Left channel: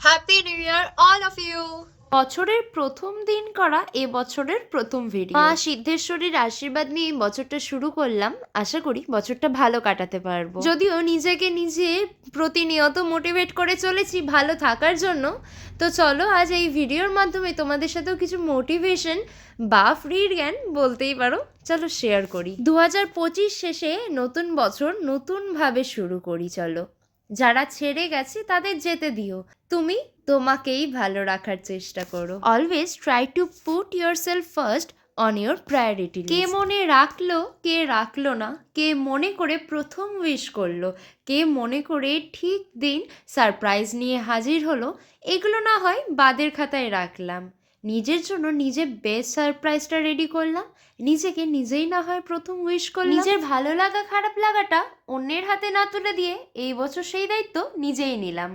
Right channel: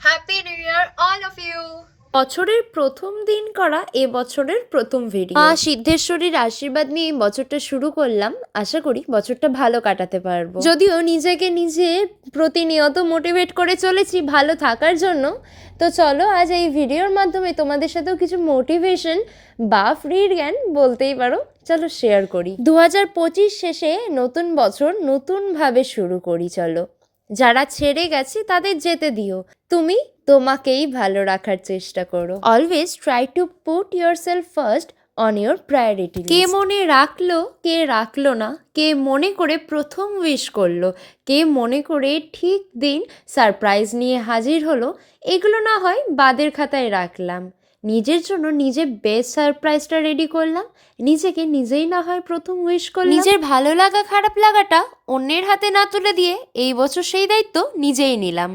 Happy New Year, all of you! বছরের প্রথম দিন করা এবছরের প্রথম ভিডিও। সিদ্ধেশ্বরীর আশীর্বাদ নিয়ে বছরটা শুরু করলাম। আশা করি বছরটা ভালো কাটাতে পারবো। যদিও নিজেকে নিজে প্রতিনিয়ত মোটিভেট করে চলেছি ভালো থাকার জন্য। তো চলো আজ এই ভিডিওর মাধ্যমে তোমাদের সাথেও কিছু মোটিভেশন বা ফ্রি জ্ঞান বলতেই পারো, চলো শেয়ার করি। 2025 শেষে নতুন বছর নতুনভাবে শুরু করি। চলো, যারা ছেড়ে গেছে তাদের যেতে দিও, তুমি তোমাকেই ভালো রাখার চেষ্টা করো। Always try to put yourself first on your priority. কে মনে রাখলো, কে রাখলো না, কে মনে করে প্রথম উইশ করলো, কে মনে করে ঠিক দিন সারপ্রাইজ নিয়ে হাজির হলো, এগুলো না হয় বাদের খাতায় রাখলাম। নিজের জন্য নিজে বেস্ট সারপ্রাইজটা রেডি করলাম। নিজেকে নিজেই না হয় প্রথম উইশ করলাম। নিজের ভালো লাগা খারাপ লাগাটা অন্যের হাতে না তুলে দিয়ে এই বছর সেই দায়িত্ব নিজেই নিলাম।